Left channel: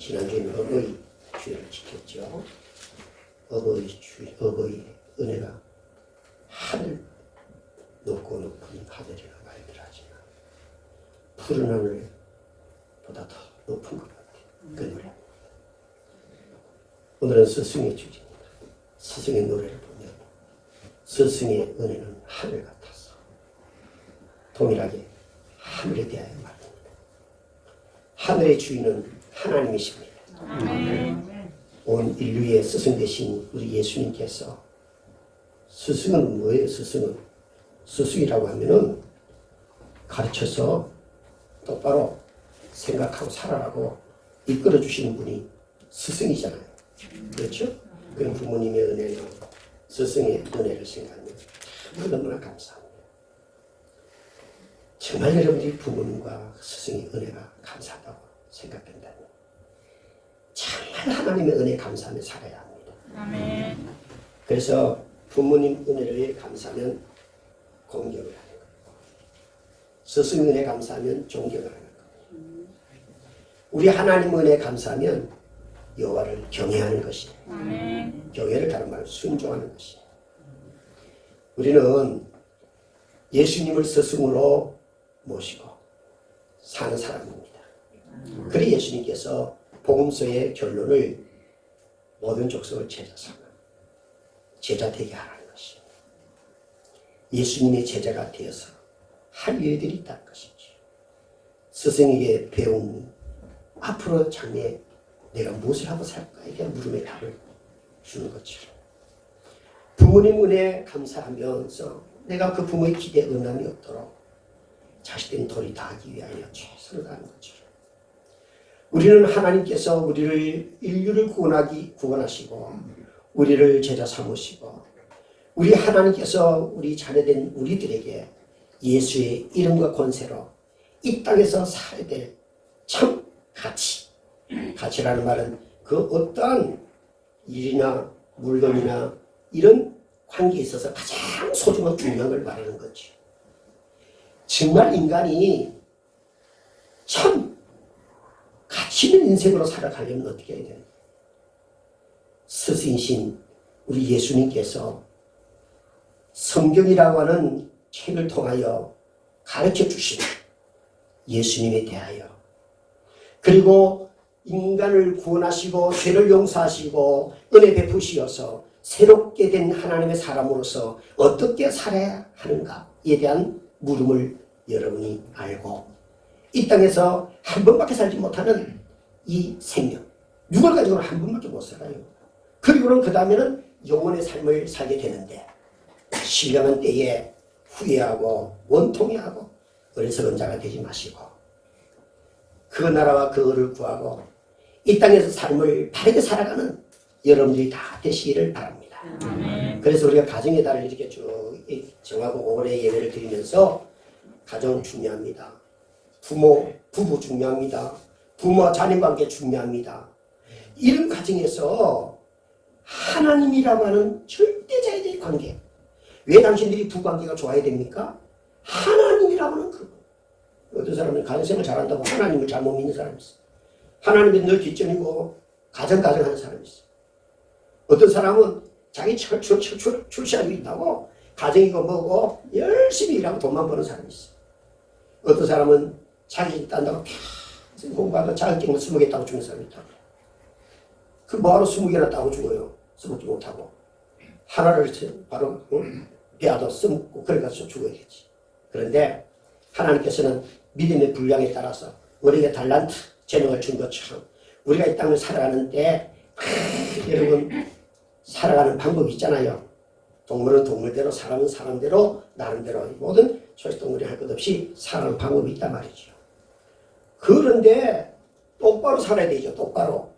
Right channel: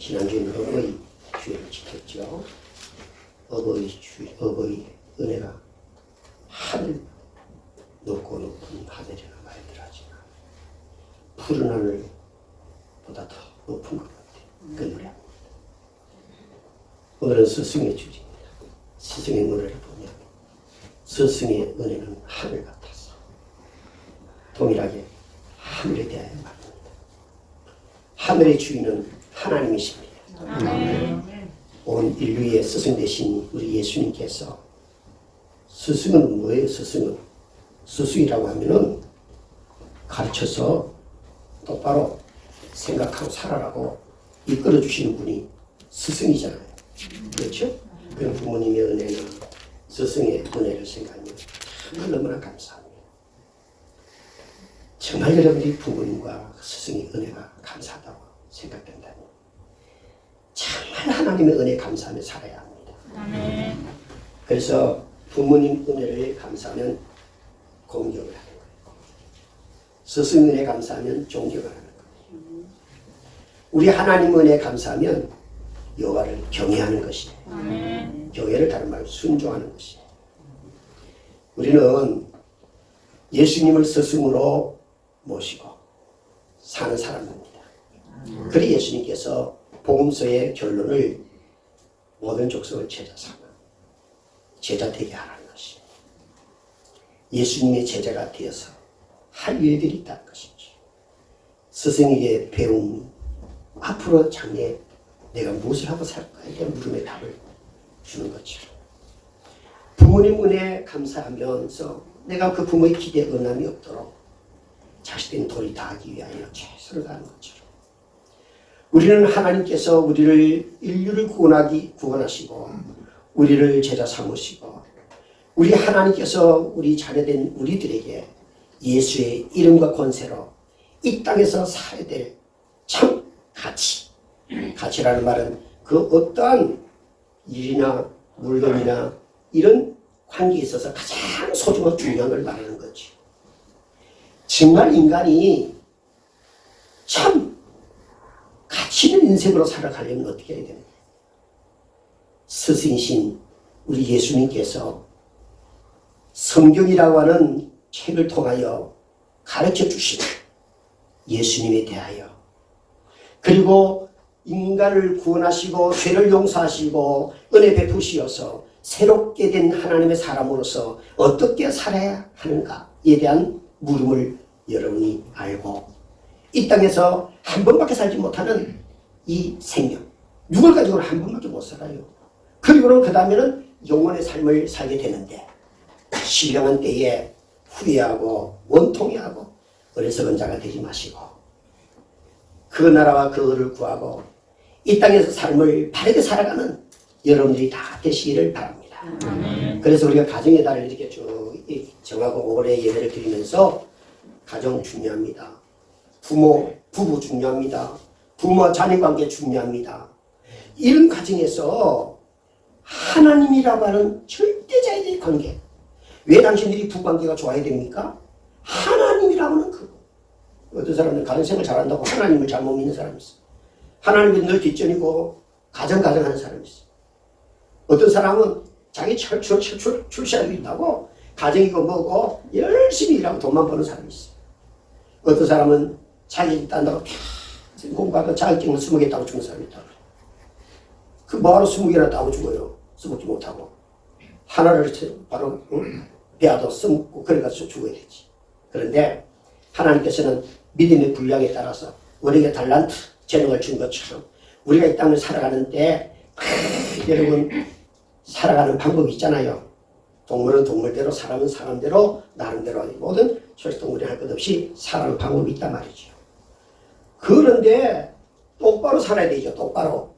지난주에는 어버이 주일을 지켰죠. 어버이 은혜가 하늘 높고 높은 하늘이라 말들하지만 푸른 하늘보다 더 높은 것 같아요. 그 노래. 오늘은 스승의 주제입니다. 스승의 노래를 보면 스승의 은혜는 하늘 같아서 동일하게 하늘에 대하여 말합니다. 하늘의 주인은 하나님이십니다. 온 인류의 스승 되신 우리 예수님께서 스승은 뭐예요? 스승이라고 하면은 가르쳐서 똑바로 생각하고 살아라고 이끌어 주시는 분이 스승이잖아요. 그렇죠? 그런 부모님의 은혜는 스승의 은혜를 생각하면 정말 너무나 감사합니다. 정말 여러분들이 부모님과 스승의 은혜가 감사하다고 생각된다면 정말 하나님의 은혜에 감사하며 살아야 합니다. 그래서 부모님 은혜를 감사하면 공경을 하는 거예요. 스승 은혜에 감사하면 존경을 하는 거예요. 우리 하나님 은혜에 감사하면 여호와를 경외하는 것이에요. 경외를 다른 말로 순종하는 것이에요. 우리는 예수님을 스승으로 모시고 사는 사람입니다. 그리 예수님께서 복음서의 결론을 모든 족속을 제자 삼아 제자 되게 하라는 것이에요. 예수님의 제자가 되어서 할 일들이 있다는 것이죠. 스승에게 배운 앞으로 장래 내가 무엇을 하고 살까? 이게 물음에 답을 주는 것처럼 부모님 은혜에 감사하면서 내가 그 부모의 기대에 응함이 없도록 자식된 도리 다하기 위하여 최선을 다하는 것처럼 우리는 하나님께서 우리를 인류를 구원하시고 우리를 제자 삼으시고 우리 하나님께서 우리 자녀된 우리들에게 예수의 이름과 권세로 이 땅에서 살아야 될 참 가치라는 말은 그 어떠한 일이나 물건이나 이런 관계에 있어서 가장 소중하고 중요한 걸 말하는 거죠. 정말 인간이 참 가치 있는 인생으로 살아가려면 어떻게 해야 되느냐. 스승이신 우리 예수님께서 성경이라고 하는 책을 통하여 가르쳐 주신 예수님에 대하여 그리고 인간을 구원하시고 죄를 용서하시고 은혜 베푸시어서 새롭게 된 하나님의 사람으로서 어떻게 살아야 하는가에 대한 물음을 여러분이 알고 이 땅에서 한 번밖에 살지 못하는 이 생명 육을 가지고는 한 번밖에 못 살아요. 그리고는 그 다음에는 영원의 삶을 살게 되는데 신령한 때에 후회하고 원통해하고 어리석은 자가 되지 마시고 그 나라와 그 의를 구하고 이 땅에서 삶을 바르게 살아가는 여러분들이 다 되시기를 바랍니다. 그래서 우리가 가정의 달을 이렇게 쭉 정하고 올해 예배를 드리면서 가정 중요합니다. 부부 중요합니다. 부모와 자녀관계 중요합니다. 이런 가정에서 하나님이라고 하는 절대자의 관계 왜 당신들이 부관계가 좋아야 됩니까? 하나님이라고 하는 어떤 사람은 가정생활 잘한다고 하나님을 잘못 믿는 사람이 있어. 하나님은 늘 뒷전이고 가정하는 사람이 있어. 어떤 사람은 자기 출세하고 있다고 가정이고 뭐고 열심히 일하고 돈만 버는 사람이 있어. 어떤 사람은 자기 딴다고 계속 공부하고 자격증을 20개 따고 죽는 사람이 있다. 그 뭐하러 20개나 따고 죽어요. 써먹지 못하고. 하나를 바로 배아도 써먹고 그래가지고 죽어야 되지. 그런데 하나님께서는 믿음의 분량에 따라서 우리에게 달란트, 재능을 준 것처럼 우리가 이 땅을 살아가는데 여러분 살아가는 방법이 있잖아요. 동물은 동물대로 사람은 사람대로 나름대로 모든 초식동물이 할 것 없이 살아가는 방법이 있단 말이죠. 그런데 똑바로 살아야 되죠. 똑바로.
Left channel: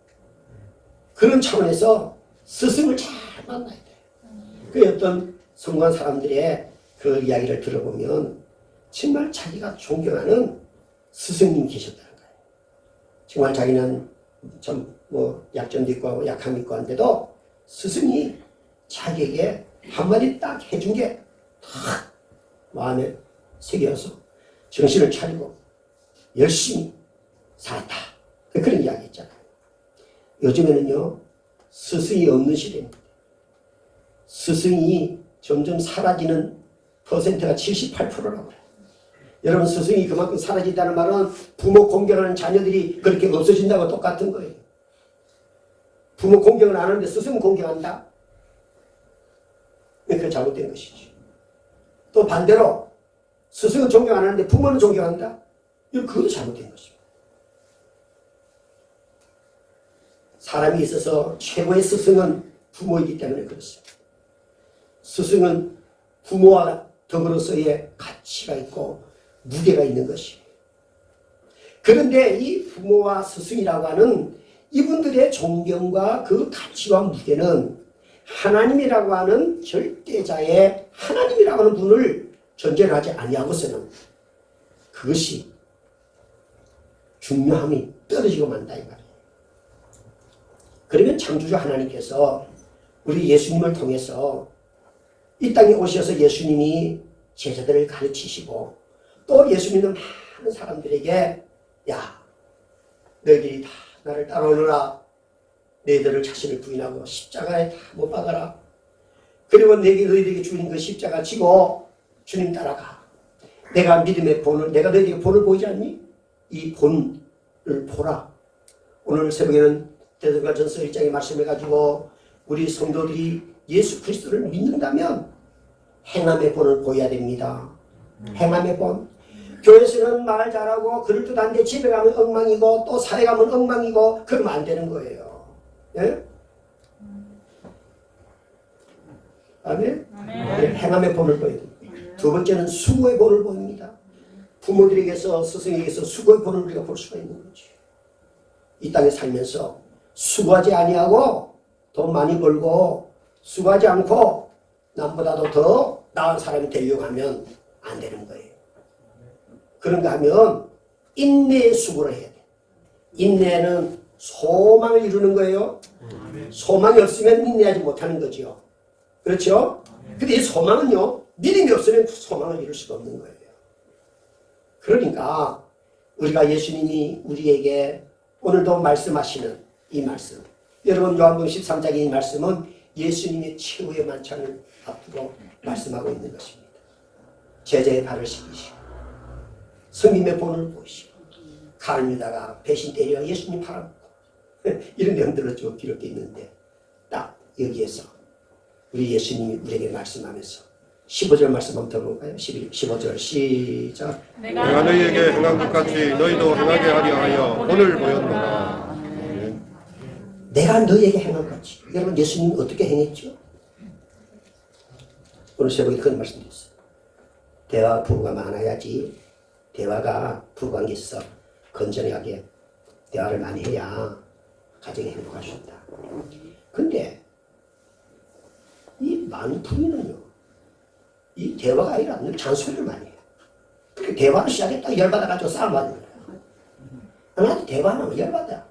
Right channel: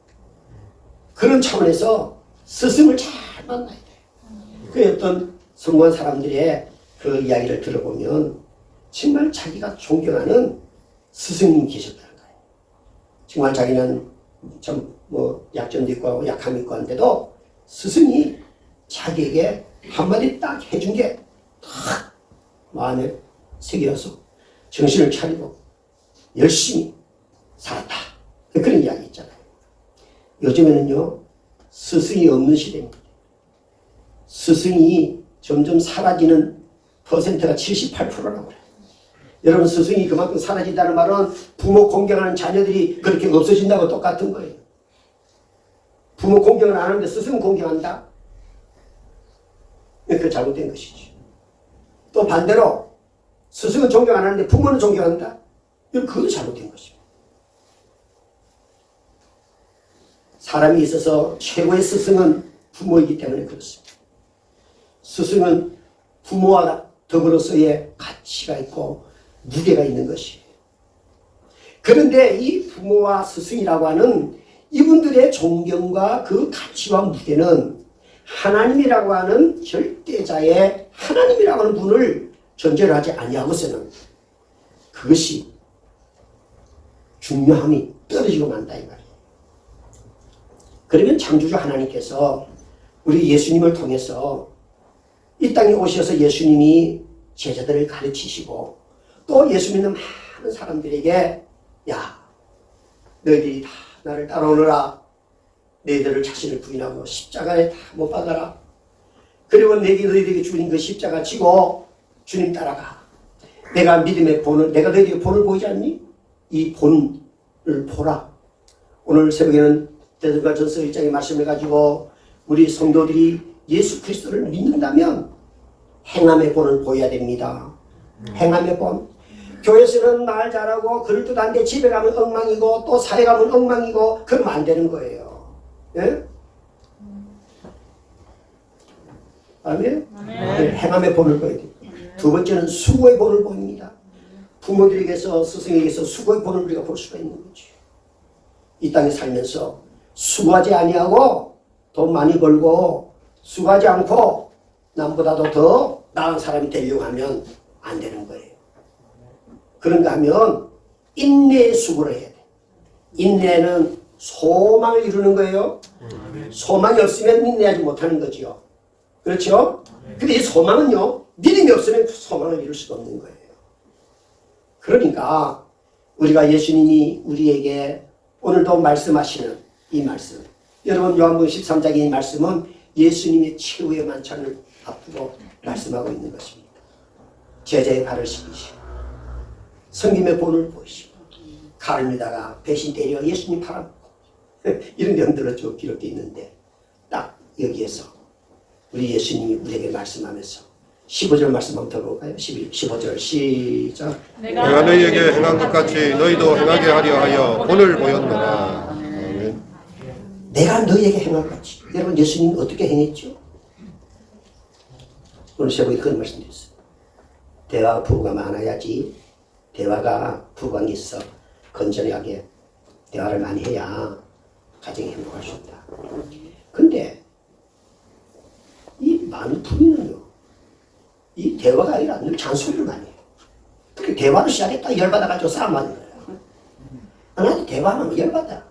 그런 차원에서 스승을 잘 만나야 돼요. 그 어떤 성공한 사람들의 그 이야기를 들어보면 정말 자기가 존경하는 스승님이 계셨다는 거예요. 정말 자기는 좀 약점도 있고 약함이 있고 한데도 스승이 자기에게 한마디 딱 해준 게 딱 마음에 새겨서 정신을 차리고 열심히 살았다. 그런 이야기 있잖아요. 요즘에는요, 스승이 없는 시대입니다. 스승이 점점 사라지는 퍼센트가 78%라고 그래요. 여러분, 스승이 그만큼 사라진다는 말은 부모 공경하는 자녀들이 그렇게 없어진다고 똑같은 거예요. 부모 공경을 안 하는데 스승 공경한다? 그게 잘못된 것이지. 또 반대로 스승은 존경 안 하는데 부모는 존경한다? 그것도 잘못된 것입니다. 사람이 있어서 최고의 스승은 부모이기 때문에 그렇습니다. 스승은 부모와 더불어서의 가치가 있고 무게가 있는 것이에요. 그런데 이 부모와 스승이라고 하는 이분들의 존경과 그 가치와 무게는 하나님이라고 하는 절대자의 하나님이라고 하는 분을 전제로 하지 아니하고서는 그것이 중요함이 떨어지고 만다 이 말이에요. 그러면 창조주 하나님께서 우리 예수님을 통해서 이 땅에 오셔서 예수님이 제자들을 가르치시고 또 예수 믿는 많은 사람들에게 야, 너희들이 다 나를 따라오너라. 너희들을 자신을 부인하고 십자가에 다 못 박아라. 그리고 너희들에게 주신 그 십자가 지고 주님 따라가. 내가 믿음의 본을, 내가 너희에게 본을 보이지 않니? 이 본을 보라. 오늘 새벽에는 데살로니가전서 1장의 말씀을 가지고 우리 성도들이 예수 그리스도를 믿는다면 행함의 본을 보여야 됩니다. 행함의 본. 교회에서는 말 잘하고 글을 뜻한데 집에 가면 엉망이고 또 사회 가면 엉망이고 그러면 안 되는 거예요. 예? 아멘? 네, 행함의 본을 보여야 됩니다. 두 번째는 수고의 본을 보입니다. 부모들에게서 스승에게서 수고의 본을 우리가 볼 수가 있는 거죠. 이 땅에 살면서 수고하지 아니하고 돈 많이 벌고 수고하지 않고 남보다도 더 나은 사람이 되려고 하면 안 되는 거예요. 그런가 하면 인내의 수고를 해야 돼. 인내는 소망을 이루는 거예요. 소망이 없으면 인내하지 못하는 거죠. 그렇죠? 근데 이 소망은요, 믿음이 없으면 소망을 이룰 수가 없는 거예요. 그러니까 우리가 예수님이 우리에게 오늘도 말씀하시는 이 말씀, 여러분 요한복음 13장의 이 말씀은 예수님의 최후의 만찬을 앞두고 말씀하고 있는 것입니다. 제자의 발을 씻기시고 성김의 본을 보이시고 가르미다가 배신 때려 예수님 팔아먹고 이런 경들을 좀 기록되어 있는데 딱 여기에서 우리 예수님이 우리에게 말씀하면서 15절 말씀 한번 더 볼까요? 15절 시작. 내가 너희에게 행한 것 같이 너희도 행하게 하려 하여 본을 보였노라. 내가 너희에게 행한 것 같이. 여러분 예수님은 어떻게 행했죠? 오늘 새벽에 그런 말씀드렸어요. 대화와 부부가 많아야지 대화가 부부관계에서 건전하게 대화를 많이 해야 가정이 행복할 수 있다. 근데 이 많은 부인은요, 이 대화가 아니라 늘 잔소리를 많이 해요. 그렇게 대화를 시작했다 열받아가지고 싸움하는 거예요. 나한테 대화하면 열받아.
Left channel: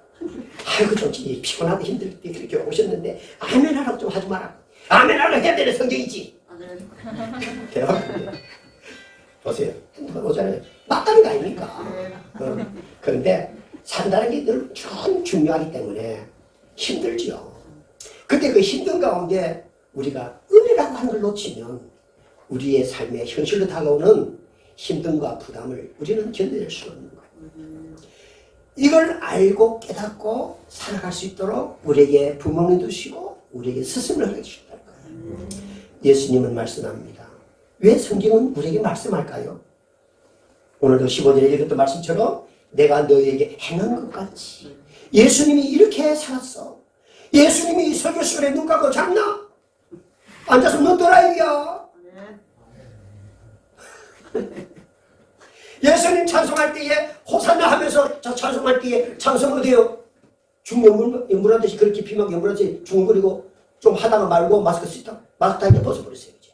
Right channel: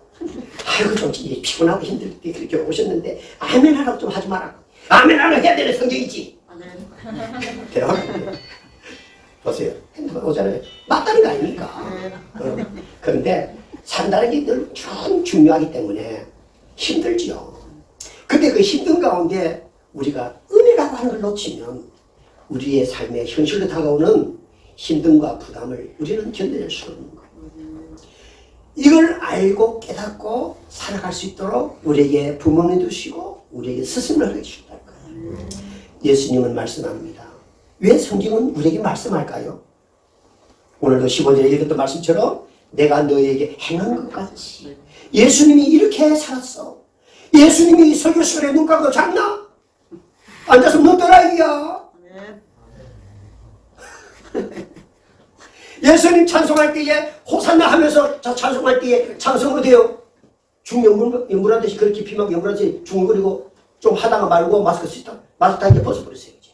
아이고 좀 피곤하고 힘들 때 그렇게 오셨는데 아멘 하라고 좀 하지 마라. 아멘 하라고 해야 되는 성경이지. 대화. 보세요. 핸드폰 오잖아요. 맞다는 거 아닙니까? 그런데 산다는 게 늘 중요하기 때문에 힘들지요. 근데 그 힘든 가운데 우리가 은혜라고 하는 걸 놓치면 우리의 삶에 현실로 다가오는 힘듦과 부담을 우리는 견뎌낼 수 없는 거예요. 이걸 알고 깨닫고 살아갈 수 있도록 우리에게 부모님도 주시고 우리에게 스승을 해주셨다는 거예요. 예수님은 말씀합니다. 왜 성경은 우리에게 말씀할까요? 오늘도 15절에 읽었던 말씀처럼 내가 너희에게 행한 것 같이. 예수님이 이렇게 살았어. 예수님이 설교 시간에 눈 감고 잤나? 앉아서 눈 떠라 이야. 예수님 찬송할 때에 호산나 하면서 찬송할 때에 찬송 어때요? 중연물하듯이 그렇게 피막 연물하듯이 중얼거리고 좀 하다가 말고 마스크 쓰다 마스크 다 이제 벗어버렸어요. 이제.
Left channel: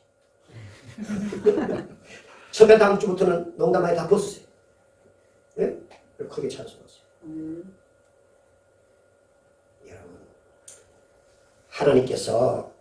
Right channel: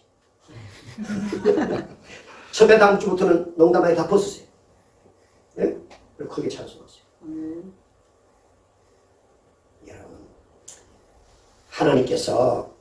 선배 다음 주부터는 농담하게 다 벗으세요. 예? 그리고 크게 찬송하세요. 여러분, 하나님께서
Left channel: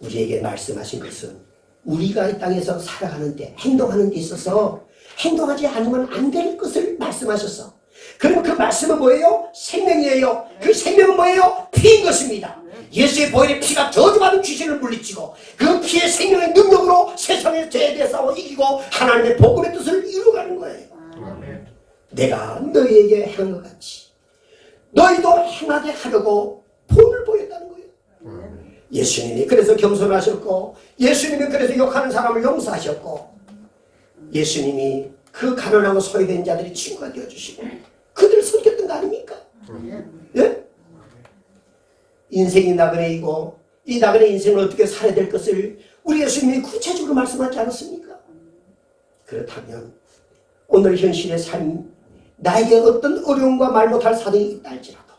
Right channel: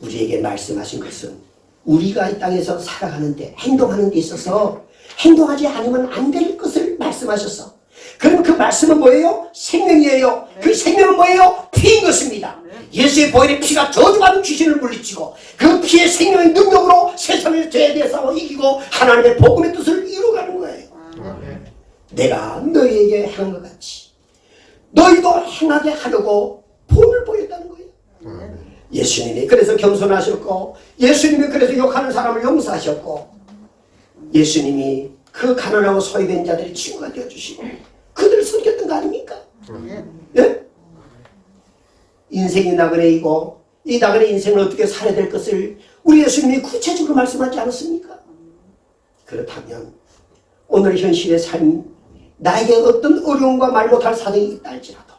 우리에게 말씀하신 것은 우리가 이 땅에서 살아가는데 행동하는 데 있어서 행동하지 않으면 안 될 것을 말씀하셔서 그럼 그 말씀은 뭐예요? 생명이에요. 그 생명은 뭐예요? 피인 것입니다. 예수의 보혈의 피가 저주받은 귀신을 물리치고 그 피의 생명의 능력으로 세상의 죄에 대해 싸워 이기고 하나님의 복음의 뜻을 이루어가는 거예요. 내가 너희에게 행한 것 같이 너희도 행하게 하려고 본을 보였다는 거예요. 예수님이 그래서 겸손하셨고 예수님이 그래서 욕하는 사람을 용서하셨고 예수님이 그 가난하고 소외된 자들이 친구가 되어주시고 그들을 섬겼던 거 아닙니까? 예? 인생이 나그네이고 이 나그네 인생을 어떻게 살아야 될 것을 우리 예수님이 구체적으로 말씀하지 않았습니까? 그렇다면 오늘 현실의 삶 나에게 어떤 어려움과 말 못할 사정이 있다 할지라도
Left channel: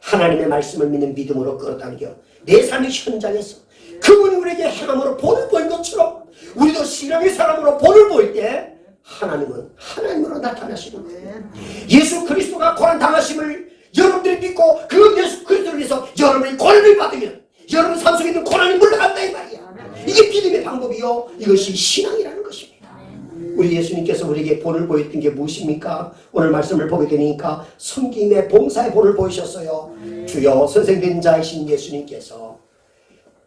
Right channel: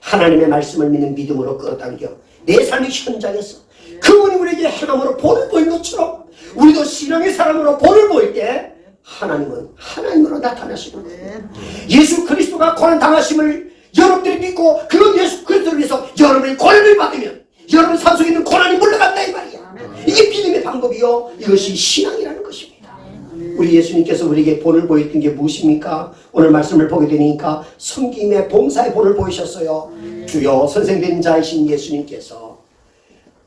하나님의 말씀을 믿는 믿음으로 끌어당겨 내 삶의 현장에서 그분이 우리에게 행함으로 본을 보인 것처럼 우리도 신앙의 사람으로 본을 보일 때 하나님은 하나님으로 나타나시는 거예요. 예수 그리스도가 고난 당하심을 여러분들이 믿고 그 예수 그리스도를 위해서 여러분이 고난을 받으면 여러분 삶 속에 있는 고난이 물러간다 이 말이야. 이게 믿음의 방법이요. 이것이 신앙이라는 것입니다. 우리 예수님께서 우리에게 본을 보였던 게 무엇입니까? 오늘 말씀을 보게 되니까 섬김의 봉사의 본을 보이셨어요. 주여 선생된 자이신 예수님께서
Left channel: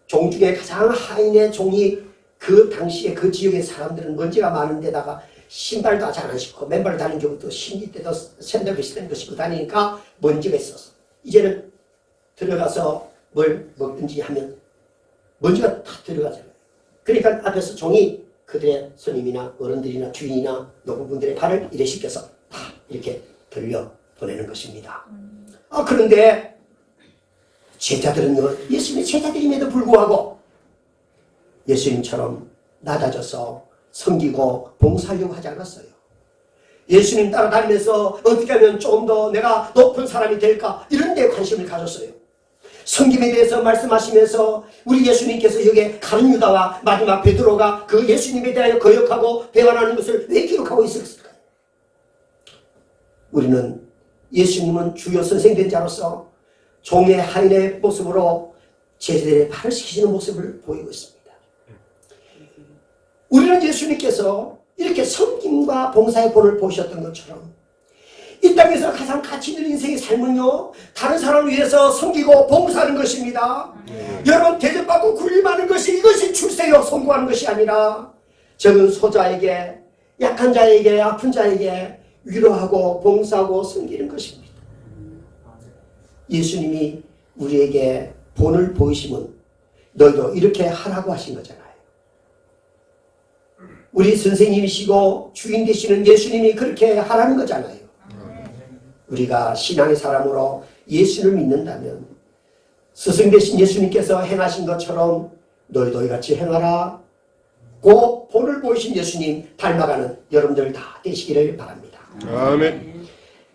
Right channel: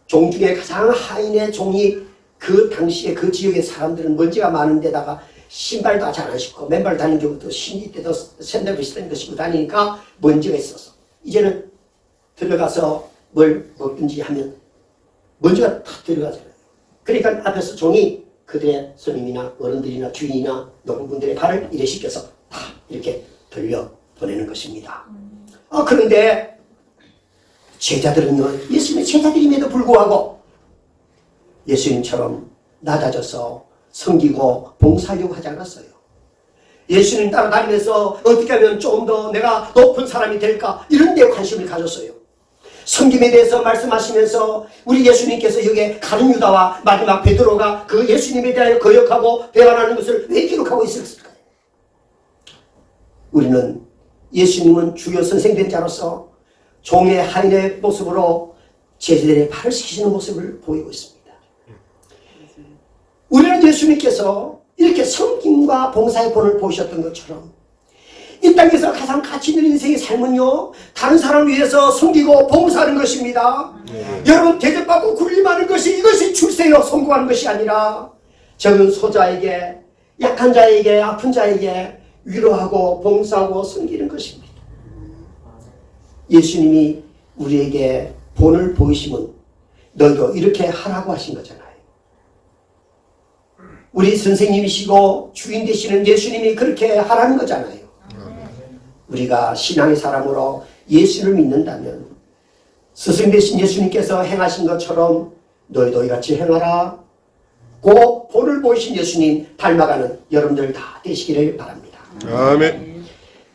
종 중에 가장 하인의 종이 그 당시에 그 지역의 사람들은 먼지가 많은 데다가 신발도 잘 안 신고 맨발 다니는 경우도 신이 때도 샌들 비슷한 거 신고 다니니까 먼지가 있어서 이제는 들어가서 뭘 먹든지 하면 먼지가 다 들어가잖아요. 그러니까 앞에서 종이 그들의 손님이나 어른들이나 주인이나 노부분들의 발을 이래 씻겨서 다 이렇게 돌려 보내는 것입니다. 그런데 제자들은요, 예수님의 제자들임에도 불구하고 예수님처럼 낮아져서 섬기고 봉사하려고 하지 않았어요. 예수님 따라다니면서 어떻게 하면 좀 더 내가 높은 사람이 될까 이런 데 관심을 가졌어요. 섬김에 대해서 말씀하시면서 우리 예수님께서 여기에 가룟 유다와 마지막 베드로가 그 예수님에 대하여 거역하고 배반하는 것을 왜 기록하고 있었을까요? 우리는 예수님은 주요 선생된 자로서 종의 하인의 모습으로 제자들의 발을 씻기시는 모습을 보이고 있습니다. 우리는 예수님께서 이렇게 섬김과 봉사의 본을 보셨던 것처럼 이 땅에서 가장 가치 있는 인생의 삶은요 다른 사람을 위해서 섬기고 봉사하는 것입니다. 여러분 대접받고 군림하는 것이 이것이 출세요 성공하는 것이 아니라 적은 소자에게 약한 자에게 아픈 자에게 위로하고 봉사하고 섬기는 것입니다. 예수님이 우리에게 본을 보이시면 너희도 이렇게 하라고 하신 거잖아요. 우리 선생님이시고 주인 되시는 예수님이 그렇게 하라는 거잖아요. 우리가 신앙의 사람으로 예수를 믿는다면 스승 되신 예수님께서 행하신 것처럼 너희도 이같이 행하라 고 본을 보이신 예수님 닮아가는 여러분들 다 되시기를 바랍니다. 아멘.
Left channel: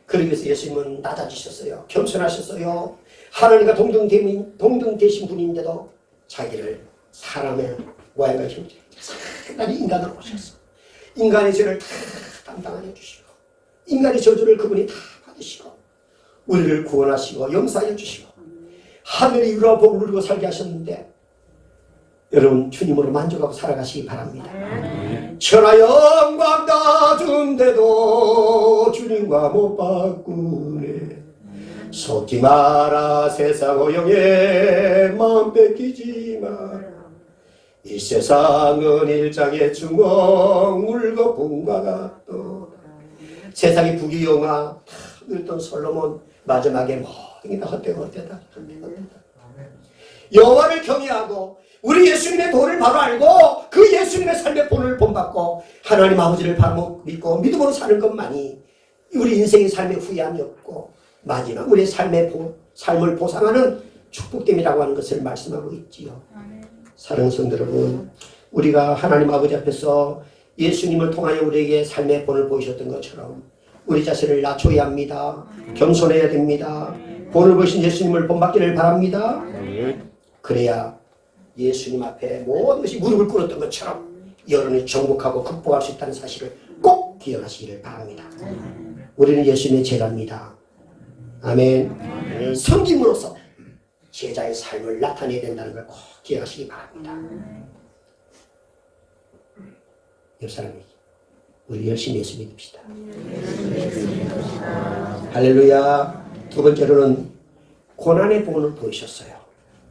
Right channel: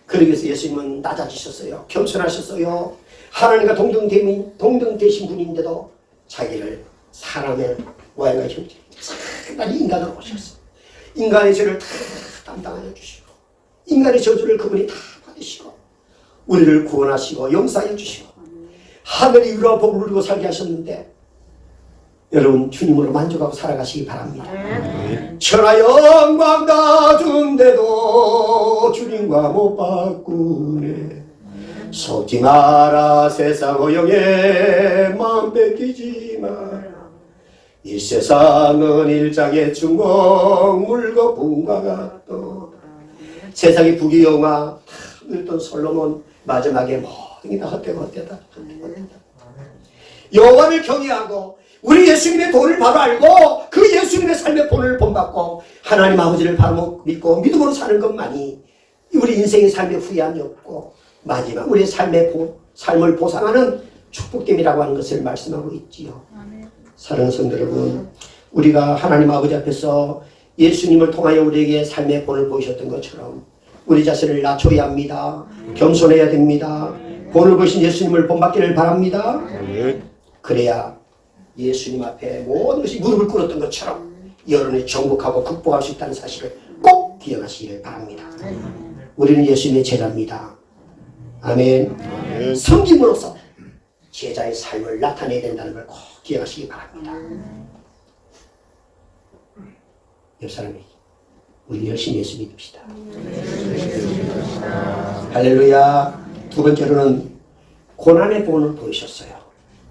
그러기 위해서 예수님은 낮아지셨어요. 겸손하셨어요. 하나님과 동등되신 분인데도 자기를 사람의 모양과 형질 상당히 인간으로 오셨어. 인간의 죄를 다 담당하여 주시고 인간의 저주를 그분이 다 받으시고 우리를 구원하시고 용서하여 주시고 하늘의 위로와 복을 누리고 살게 하셨는데 여러분 주님으로 만족하고 살아가시기 바랍니다. 천하 영광 다 준데도 주님과 못 바꾸네. 속지 마라 세상 허영에 마음 뺏기지 마라. 이 세상은 일장의 중공 물고 분과 같도. 세상의 부귀영화 늘던 솔로몬 마지막에 모든 게 다 헛되다. 여호와를 경외하고 우리 예수님의 도를 바로 알고 그 예수님의 삶의 본을 본받고 하나님 아버지를 바로 믿고 믿음으로 사는 것만이 우리 인생의 삶에 후회함이 없고 마지막 우리의 삶을 보상하는 축복됨이라고 하는 것을 말씀하고 있지요. 사랑하는 성도 여러분, 우리가 하나님 아버지 앞에서 예수님을 통하여 우리에게 삶의 본을 보이셨던 것처럼 우리 자신을 낮춰야 합니다. 겸손해야 됩니다. 본을 보신 예수님을 본받기를 바랍니다. 그래야 예수님 앞에 모든 것이 무릎을 꿇었던 것처럼 여러분이 정복하고 극복할 수 있다는 사실을 꼭 기억하시기를 바랍니다. 우리는 예수님의 제자입니다. 아멘. 섬김으로써 제자의 삶을 나타내야 된다는 걸 꼭 기억하시기 바랍니다. 옆 사람이 우리 열심히 예수 믿읍시다. 할렐루야. 두 번째로는 고난의 본을 보이셨어요.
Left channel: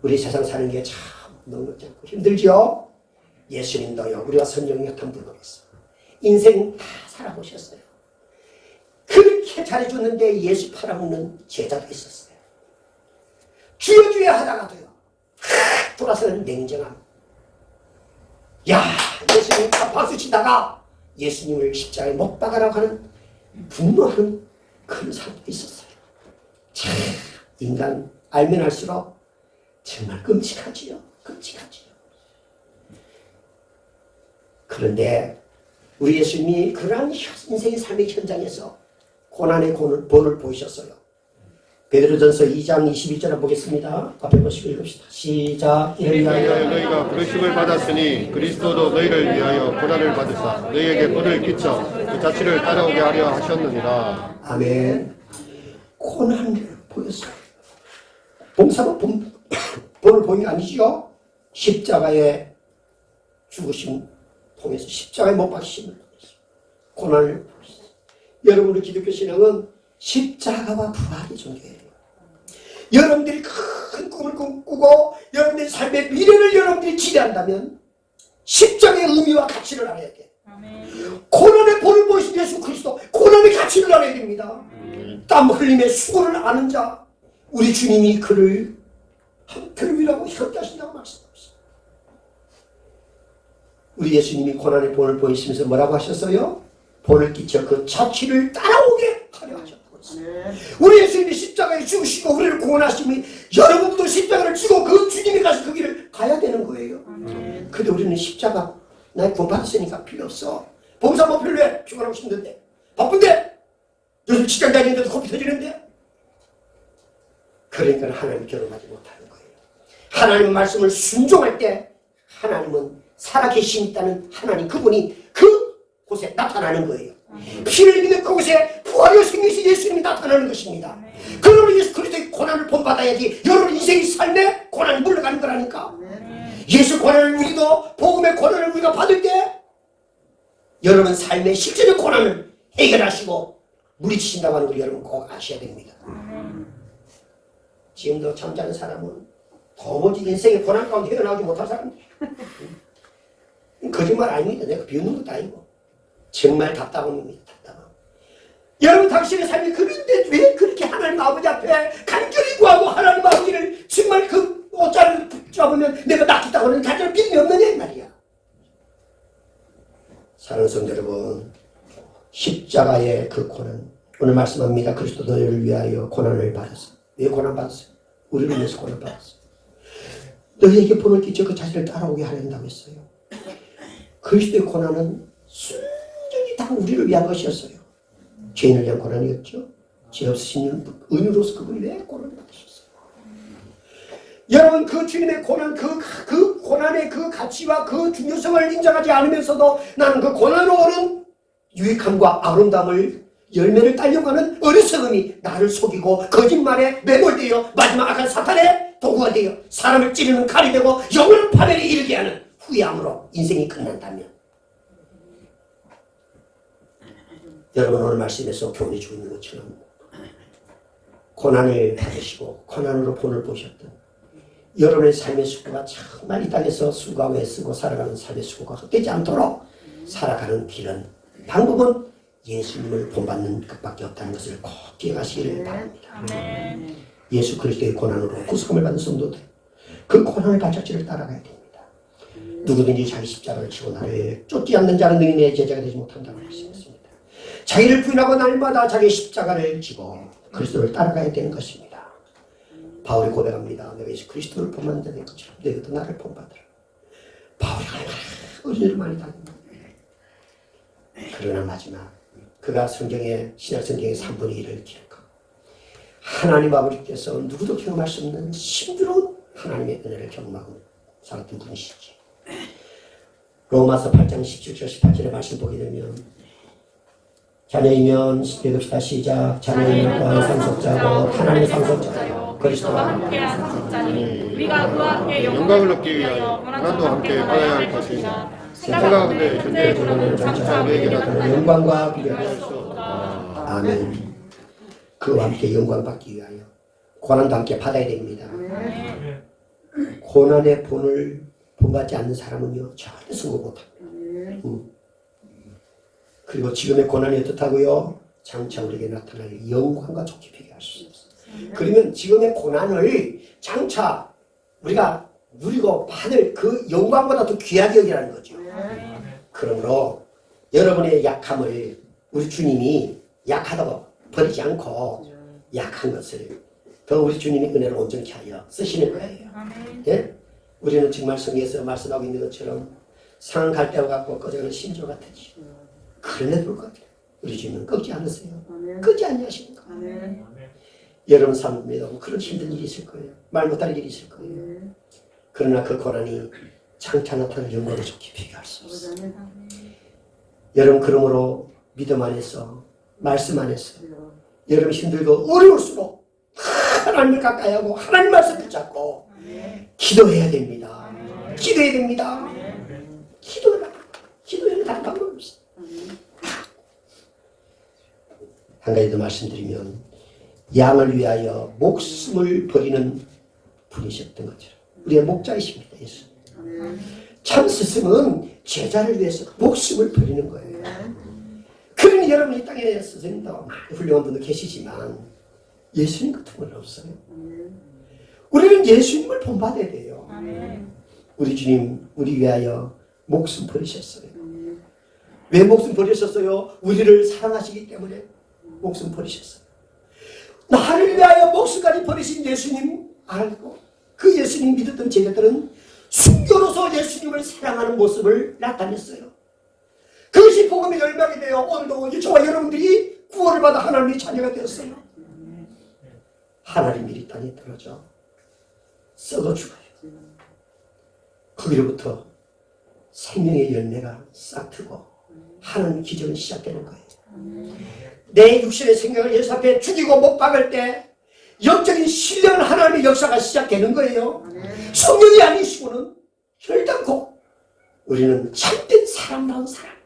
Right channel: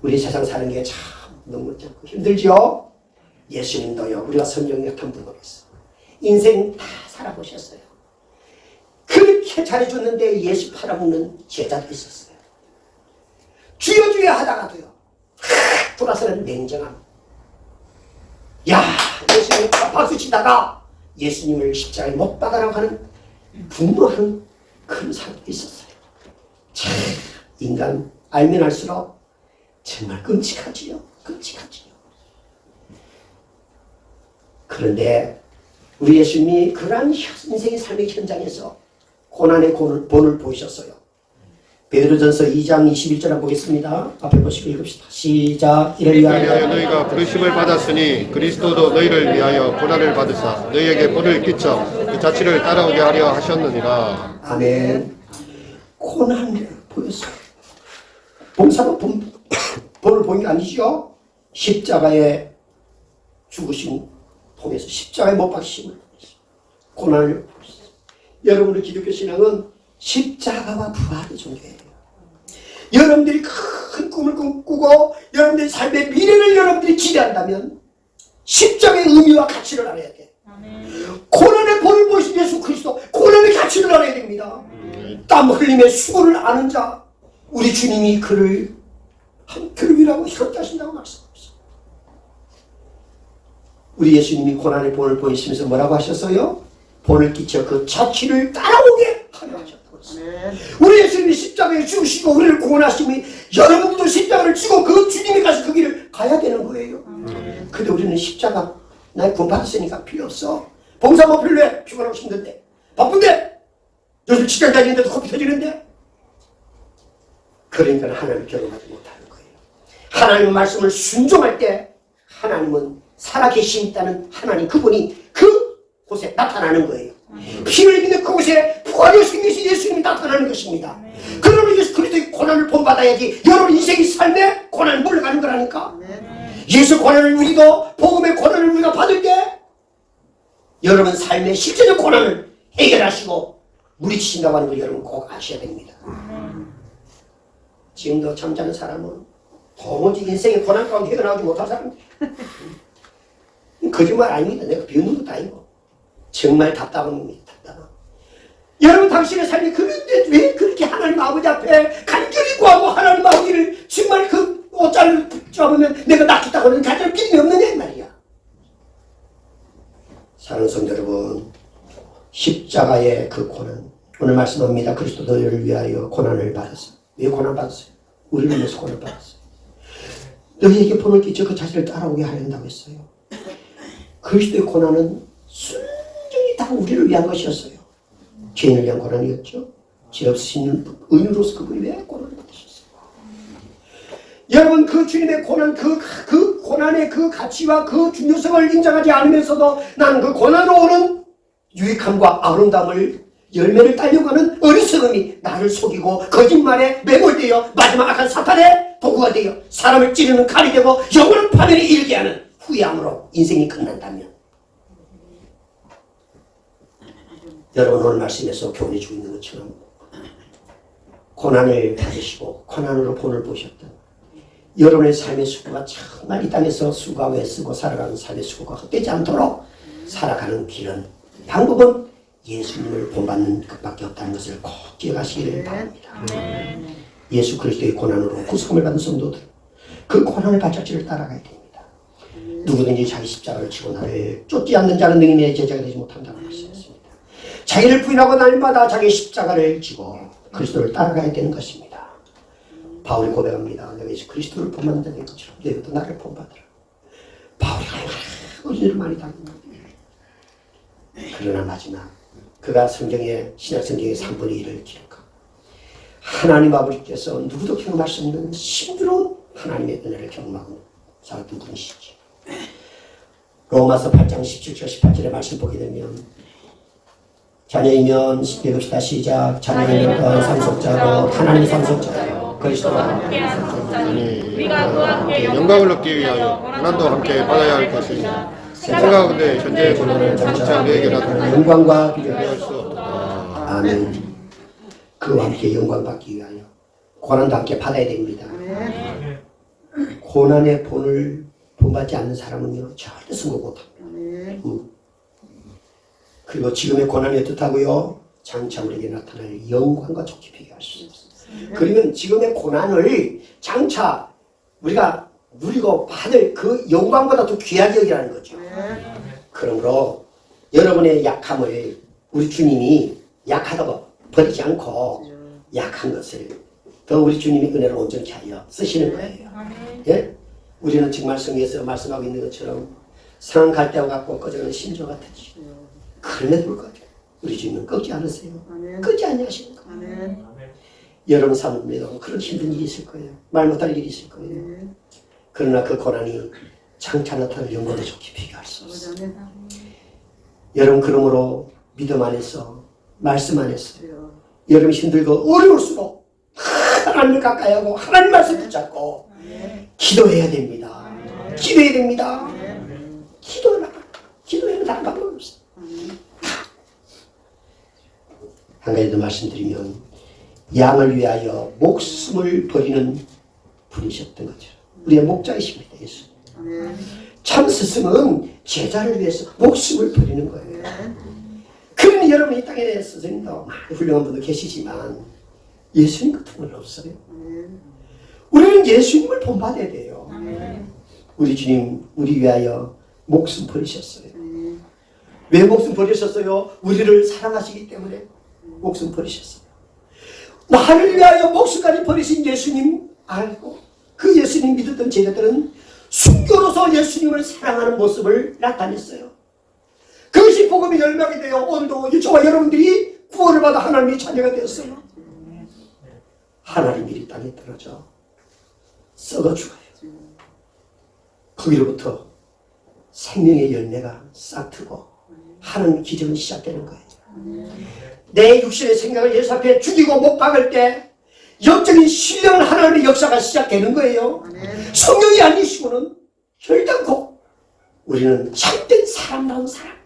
우리 세상 사는 게 참 너무 힘들죠? 예수님도요. 우리가 성경 같은 분으로 있어. 인생 다 살아보셨어요. 그렇게 잘해줬는데 예수 팔아먹는 제자도 있었어요. 주여 주여 하다가도요. 돌아서는 냉정함. 야, 예수님 박수 치다가 예수님을 십자가에 못 박아라고 하는 분노하는 그런 사람도 있었어요. 참 인간 알면 알수록 정말 끔찍하지요. 끔찍하지요. 그런데 우리 예수님이 그러한 인생의 삶의 현장에서 고난의 본을 보이셨어요. 베드로전서 2장 21절 한번 보겠습니다. 앞에 보시고 읽읍시다. 시작. 이를 위하여 너희가 부르심을 받았으니 그리스도도 너희를 위하여 고난을 받으사 너희에게 본을 끼쳐 그 자취를 따라오게 하려 하셨느니라. 아멘. 고난을 보였어요. 봉사도 본을 보인 게 아니죠. 십자가에 죽으심 통해서 십자가에 못 박히심을 통해서 고난을 보였어요. 여러분의 기독교 신앙은 십자가와 부활의 종교예요. 여러분들이 큰 꿈을 꾸고 여러분들의 삶의 미래를 여러분들이 기대한다면 십자가의 의미와 가치를 알아야 돼. 고난의 본을 보이신 예수 그리스도, 고난의 가치를 알아야 됩니다. 땀 흘림에 수고를 아는 자, 우리 주님이 그를 위하고 협조하신다고 말씀하셨어요. 우리 예수님이 고난의 본을 보이시면서 뭐라고 하셨어요? 본을 끼쳐 그 자취를 따라오게 하려 하셨다고 했어요. 우리 예수님이 십자가에 죽으시고 우리를 구원하시니 여러분도 십자가를 지고 그 주님이 가신 그 길을 가야 되는 거예요. 근데 우리는 십자가 나 구원 받았으니까 필요 없어. 봉사 뭐 필요해? 피곤하고 힘든데, 바쁜데, 요즘 직장 다니는데도 코피 터지는데. 그러니까 하나님 결혼하지 못하는 거예요. 하나님의 말씀을 순종할 때 하나님은 살아계신 있다는 하나님 그분이 그 곳에 나타나는 거예요. 피를 믿는 그곳에 부활이 생겨서 예수님이 나타나는 것입니다. 그러면 예수 그리스도의 고난을 본받아야지 여러분 인생의 삶에 고난을 물러가는 거라니까. 예수 고난을 우리도 복음의 고난을 우리가 받을 때 여러분 삶의 실제적 고난을 해결하시고 물리치신다고 하는 걸 여러분 꼭 아셔야 됩니다. 지금도 잠자는 사람은 도무지 인생의 고난 가운데 헤어나오지 못한 사람들. 거짓말 아닙니다. 내가 비웃는 것도 아니고 정말 답답한 겁니다. 답답한. 여러분 당신의 삶이 그런데 왜 그렇게 하나님 아버지 앞에 간절히 구하고 하나님 아버지를 정말 그 옷자를 붙잡으면 내가 낫겠다고 하는 간절히 믿음이 없는 말이야. 사랑하는 성도 여러분, 십자가의 그 고난, 오늘 말씀합니다. 그리스도 너희를 위하여 고난을 받았어. 왜 고난 받았어요? 우리를 위해서 고난 받았어요. 너희에게 본을 끼쳐 그 자신을 따라오게 하려고 했어요. 그리스도의 고난은 순전히 다 우리를 위한 것이었어요. 죄인을 위한 고난이었죠. 죄 없으신 의인으로서 그분이 왜 고난을 받으셨어요? 여러분 그 주님의 고난, 그 고난의 그 가치와 그 중요성을 인정하지 않으면서도 나는 그 고난으로 오는 유익함과 아름다움을 열매를 따려고 하는 어리석음이 나를 속이고 거짓말에 매몰되어 마지막 악한 사탄의 도구가 되어 사람을 찌르는 칼이 되고 영원한 파멸에 이르게 하는 후회함으로 인생이 끝난다면 여러분 오늘 말씀에서 교훈해 주고 있는 것처럼 고난을 받으시고 고난으로 본을 보셨던 여러분의 삶의 수고가 정말 이 땅에서 수고가 애쓰고 살아가는 삶의 수고가 헛되지 않도록 살아가는 길은 방법은 예수님을 본받는 것밖에 없다는 것을 꼭 기억하시기를 바랍니다. 예수 그리스도의 고난으로 구속함을 받은 성도들 그 고난의 발자취를 따라가야 됩니다. 누구든지 자기 십자가를 지고 나를 쫓지 않는 자는 능히 내 제자가 되지 못한다고 말씀했습니다. 자기를 부인하고 날마다 자기 십자가를 지고 그리스도를 따라가야 되는 것입니다. 바울이 고백합니다. 내가 예수 그리스도를 본받는 것처럼 너희도 나를 본받으라. 바울이 얼마나 어린이를 많이 당했나. 그러나 마지막 그가 성경의 신약 성경의 3분의 1을 기록하고 하나님 아버지께서 누구도 경험할 수 없는 신비로운 하나님의 은혜를 경험하고 살았던 분이시지. 로마서 8장 17절 18절의 말씀 보게 되면 자녀이면 읽읍시다. 시작. 자녀이면 상속자고 하나님의 상속자요 그리스도와 함께 상속자니 우리가 그와 함께 영광을 얻기 위하여 고난도 함께 받아야 할 것이니 생각하건대 현재의 고난을 장차 너에게나 영광과 비교할 비교할 수 없다. 아멘. 그와 함께 영광 받기 위하여 고난도 함께 받아야 됩니다. 고난의 본을 본받지 않는 사람은요 절대 성공 못합니다. 그리고 지금의 고난이 어떻다고요? 장차 우리에게 나타날 영광과 좋게 비교할 수 있습니다. 그러면 지금의 고난을 장차 우리가 누리고 받을 그 영광보다 더 귀하게 여기라는 거죠. 그러므로 여러분의 약함을 우리 주님이 약하다고 버리지 않고 약한 것을 더 우리 주님이 은혜를 온전케 하여 쓰시는 거예요. 예? 우리는 정말 성경에서 말씀하고 있는 것처럼 상한 갈대와 같고 꺼져가는 심조 같으지. 그럼에도 불구하고 우리 주님은 꺾지 않으세요. 꺾지 않으시는 거예요. 여러분 삶에도 그런 힘든 일이 있을 거예요. 말 못할 일이 있을 거예요. 그러나 그 고난이 장차 나타날 영광을 좋게 비교할 수 없어요. 여러분 그러므로 믿음 안에서 말씀 안에서 여러분 힘들고 어려울수록 하나님을 가까이 하고 하나님 말씀 붙잡고 기도해야 됩니다. 기도해야 됩니다. 기도해야 다른 방법은 없어요. 한 가지 더 말씀드리면 양을 위하여 목숨을 버리는 분이셨던 거죠. 우리의 목자이십니다. 예수. 참 스승은 제자를 위해서 목숨을 버리는 거예요. 그러니 여러분 이 땅에 스승님도 많은 훌륭한 분도 계시지만 예수님 같은 건 없어요. 우리는 예수님을 본받아야 돼요. 우리 주님 우리 위하여 목숨 버리셨어요. 왜 목숨 버리셨어요? 우리를 사랑하시기 때문에 목숨 버리셨어요. 나를 위하여 목숨까지 버리신 예수님 알고 그 예수님 믿었던 제자들은 순교로서 예수님을 사랑하는 모습을 나타냈어요. 그것이 복음의 열망이 되어 오늘도 저와 여러분들이 구원을 받아 하나님의 자녀가 되었어요. 하나님이 이 땅에 떨어져 썩어 죽어요. 거기로부터 생명의 열매가 싹트고 하나님 기적은 시작되는 거예요. 내 육신의 생각을 예수 앞에 죽이고 못 박을 때 영적인 신령한 하나님의 역사가 시작되는 거예요. 성령이 아니시고는 결단코 우리는 참된 사람다운 사람,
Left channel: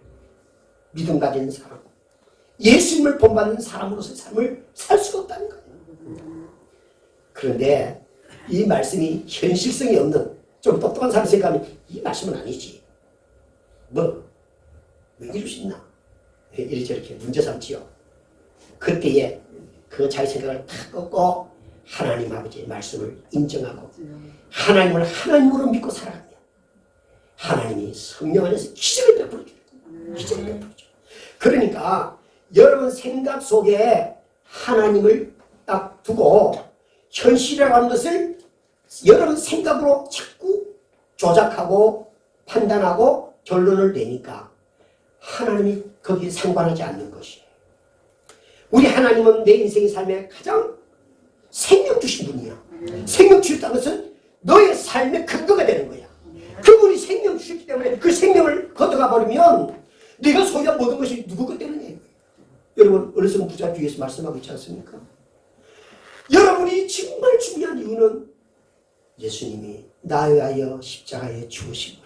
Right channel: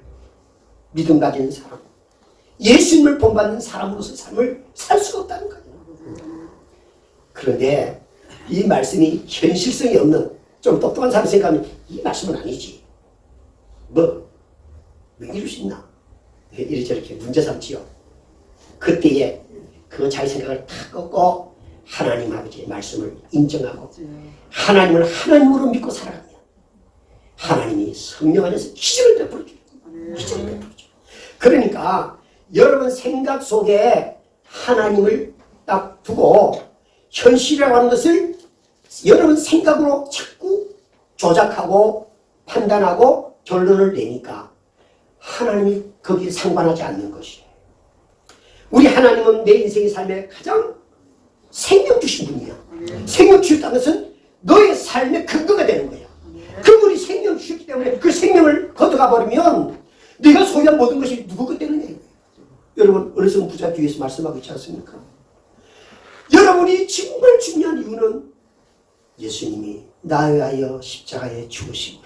믿음 가진 사람, 예수님을 본받는 사람으로서의 삶을 살 수가 없다는 거예요. 그런데 이 말씀이 현실성이 없는 좀 똑똑한 사람 생각하면 이 말씀은 아니지. 왜 이럴 수 있나? 이렇게 문제 삼지요. 그때에 그 자기 생각을 다 꺾고 하나님 아버지의 말씀을 인정하고 하나님을 하나님으로 믿고 살아가면 하나님이 성령 안에서 기적을 베풀어줘요. 기적을 베풀어줘요. 그러니까 여러분 생각 속에 하나님을 딱 두고 현실이라고 하는 것을 여러분 생각으로 자꾸 조작하고 판단하고 결론을 내니까 하나님이 거기에 상관하지 않는 것이에요. 우리 하나님은 내 인생의 삶에 가장 생명 주신 분이에요. 생명 주셨다는 것은 너의 삶의 근거가 되는 거야. 그분이 생명 주셨기 때문에 그 생명을 걷어가 버리면 네가 소유한 모든 것이 누구 것 때문에 여러분 어리석은 부자 뒤에서 말씀하고 있지 않습니까? 여러분이 정말 중요한 이유는 예수님이 나에 위하여 십자가에 죽으심으로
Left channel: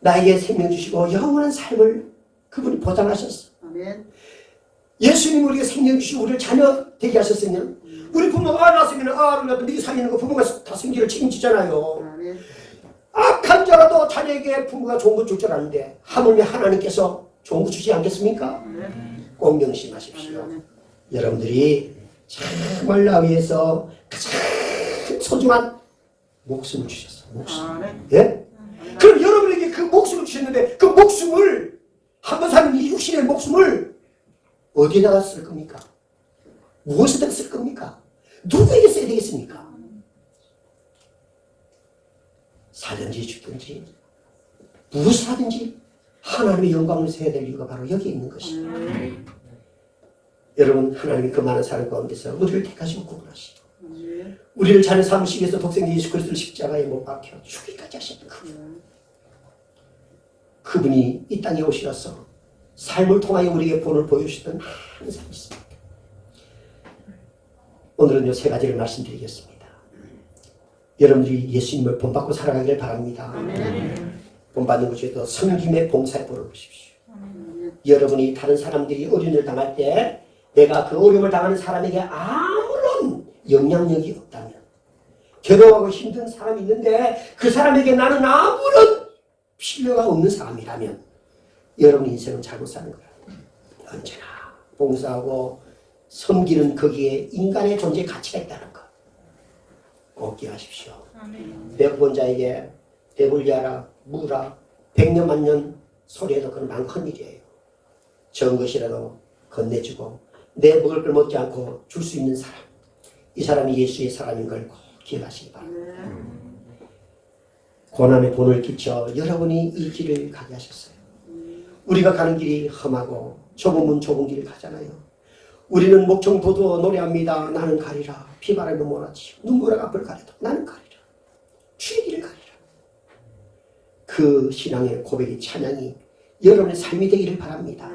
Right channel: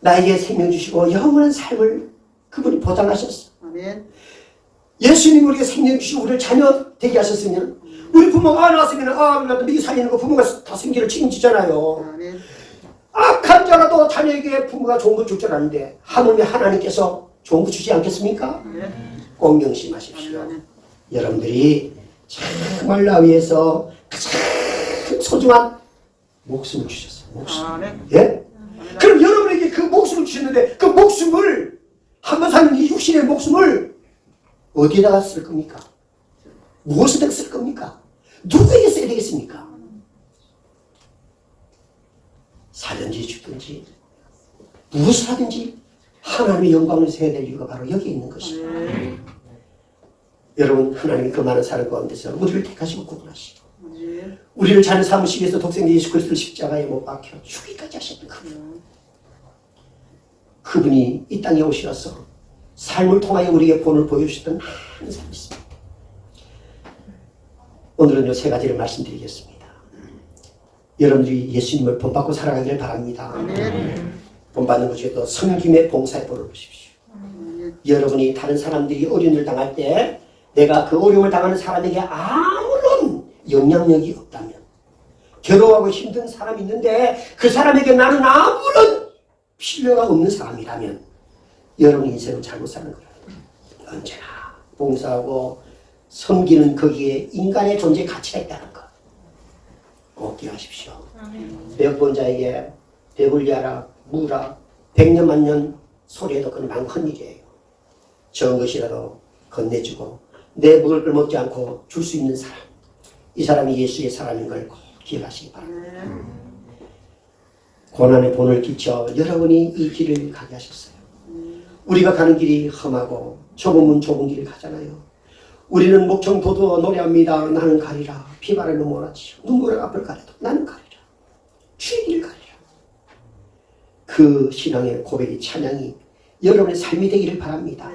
나에게 생명 주시고 영원한 삶을 그분이 보장하셨어. 예수님이 우리에게 생명 주시고 우리를 자녀 되게 하셨으면 우리 부모가 낳았으면 나도 네 살리는 거 부모가 다 생기를 책임지잖아요. 악한 자라도 자녀에게 부모가 좋은 거 줄 줄 아는데 하물며 하나님께서 좋은 거 주지 않겠습니까? 꼭 명심하십시오. 여러분들이 정말 나 위해서 가장 소중한 목숨을 주셨어요. 목숨. 예? 그럼 여러분에게 그 목숨을 주셨는데 그 목숨을 한번 사는 이 육신의 목숨을 어디에다가 쓸 겁니까? 무엇에다 쓸 겁니까? 누구에게 써야 되겠습니까? 살든지 죽든지 무엇을 하든지 하나님의 영광을 세워야 될 이유가 바로 여기 있는 것이죠. 여러분 하나님이 그 많은 사랑 가운데서 우리를 택하시고 구분하시고 우리를 자녀 삼으시기 위해서 독생자 예수 그리스도를 십자가에 못 박혀 죽기까지 하셨던 그분이 이 땅에 오셔서 삶을 통하여 우리에게 본을 보여주셨던 한 사람이 있습니다. 오늘은 요 세 가지를 말씀드리겠습니다. 여러분들이 예수님을 본받고 살아가기를 바랍니다. 본받는 것에도 섬김의 봉사에 벌을 보십시오. 여러분이 다른 사람들이 어려움을 당할 때 내가 그 어려움을 당하는 사람에게 아무런 영향력이 없다면, 괴로워하고 힘든 사람이 있는데 그 사람에게 나는 아무런 필요가 없는 사람이라면 여러분 인생은 잘못 사는 거예요. 언제나 봉사하고 섬기는 거기에 인간의 존재 가치가 있다는 것 꼭 기억하십시오. 배고픈 자에게 배불리하라 무라 100년 만년 소리해도 그건 많은 일이에요. 적은 것이라도 건네주고 내 먹을 걸 먹지 않고 줄 수 있는 사람, 이 사람이 예수의 사람인 걸 꼭 기억하시기 바랍니다. 고난의 본을 끼쳐 여러분이 이 길을 가게 하셨어요. 우리가 가는 길이 험하고 좁은 길을 가잖아요. 우리는 목청도도 노래합니다. 나는 가리라. 피바람이 몰아치고 눈물의 앞을 가려도 나는 가리라. 주의 길을 가리라. 그 신앙의 고백이 찬양이 여러분의 삶이 되기를 바랍니다.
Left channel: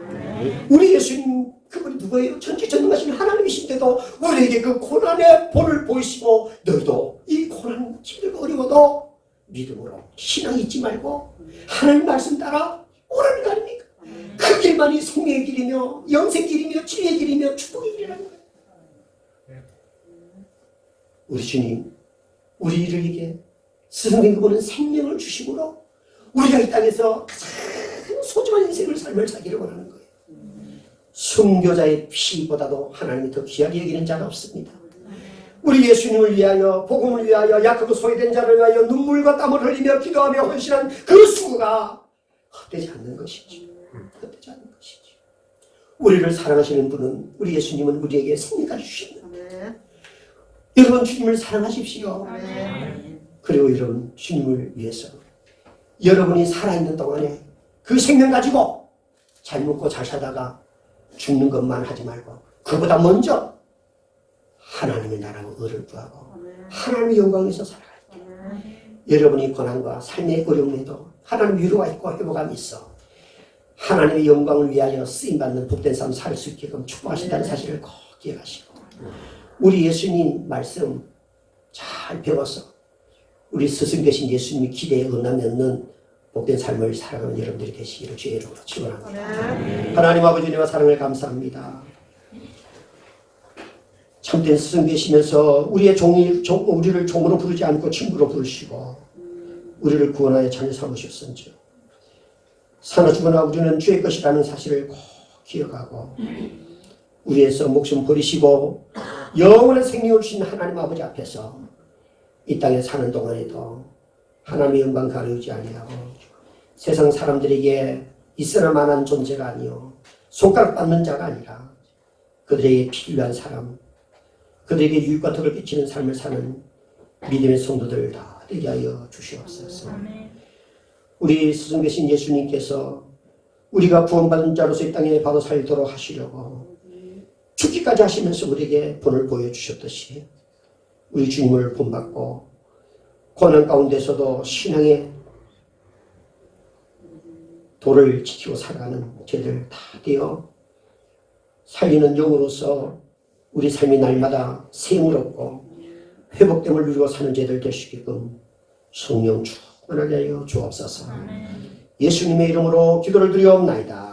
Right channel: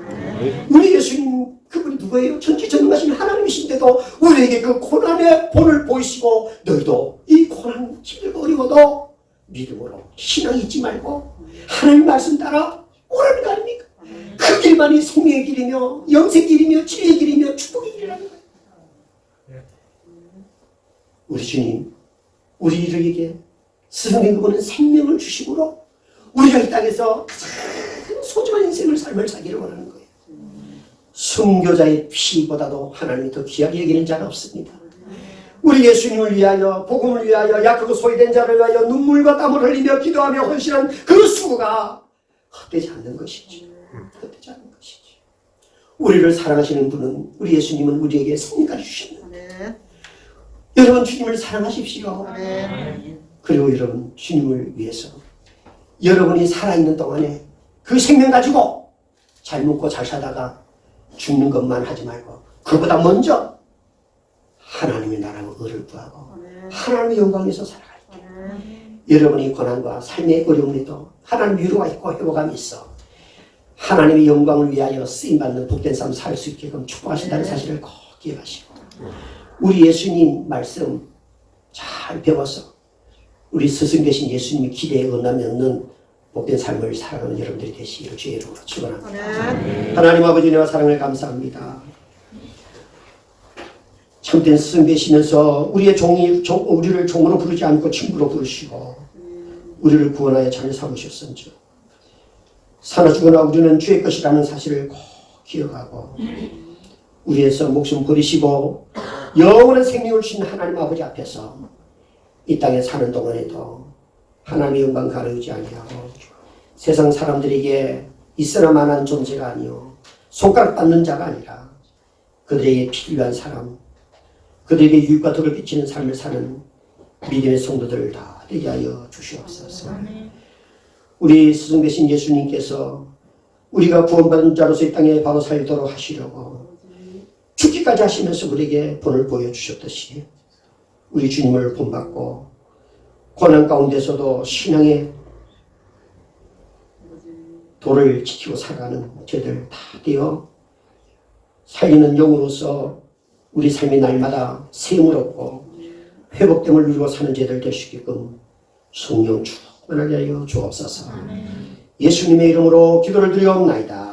우리 예수님 그분이 누구예요? 전지전능하신 하나님이신데도 우리에게 그 고난의 본을 보이시고 너희도 이 고난 힘들고 어려워도 믿음으로 신앙 잊지 말고 하나님 말씀 따라 오라는 거 아닙니까? 그 길만이 생명의 길이며 영생 길이며 지혜의 길이며 축복의 길이라는 거예요. 우리 주님 우리에게 스승된 그분은 생명을 주심으로 우리가 이 땅에서 가장 소중한 인생을 삶을 살기를 원하는 거예요. 순교자의 피보다도 하나님이 더 귀하게 여기는 자가 없습니다. 우리 예수님을 위하여 복음을 위하여 약하고 소외된 자를 위하여 눈물과 땀을 흘리며 기도하며 헌신한 그 수고가 헛되지 않는 것이지. 헛되지 않는 것이지. 우리를 사랑하시는 분은 우리 예수님은 우리에게 생명까지 주셨는데 여러분 주님을 사랑하십시오. 그리고 여러분 주님을 위해서 여러분이 살아있는 동안에 그 생명 가지고 잘 먹고 잘 살다가 죽는 것만 하지 말고 그보다 먼저 하나님의 나라와 의를 구하고 하나님의 영광에서 살아갈 때 여러분이 고난과 삶의 어려움에도 하나님의 위로가 있고 회복감이 있어 하나님의 영광을 위하여 쓰임받는 복된 삶 살 수 있게끔 축복하신다는 사실을 꼭 기억하시고 우리 예수님 말씀 잘 배워서 우리 스승 되신 예수님이 기대에 응함이 없는 복된 삶을 살아가는 여러분들이 되시기를 주의 이름으로 축원합니다. 하나님 아버지와 사랑을 감사합니다. 참된 스승 되시면서 우리를 종으로 부르지 않고 친구로 부르시고 우리를 구원하여 자녀 삼으셨은지 사나 죽으나 우리는 주의 것이라는 사실을 꼭 기억하고 우리에서 목숨 버리시고 영원한 생명을 주신 하나님 아버지 앞에서 이 땅에 사는 동안에도 하나님의 영광 가르지 아니하고 세상 사람들에게 있으나 마나한 존재가 아니요 손가락 닿는 자가 아니라 그들에게 필요한 사람 그들에게 유익과 덕을 끼치는 삶을 사는 믿음의 성도들 다 되게 하여 주시옵소서. 우리 스승 되신 예수님께서 우리가 구원받은 자로서 이 땅에 바로 살도록 하시려고 죽기까지 하시면서 우리에게 본을 보여주셨듯이 우리 주님을 본받고 고난 가운데서도 신앙의 도를 지키고 살아가는 저희들 다 되어 살리는 영으로서 우리 삶이 날마다 세움을 얻고 회복됨을 누리고 사는 저희들 될 수 있게끔 성령 충만하게 하여 주옵소서. 예수님의 이름으로 기도를 드리옵나이다.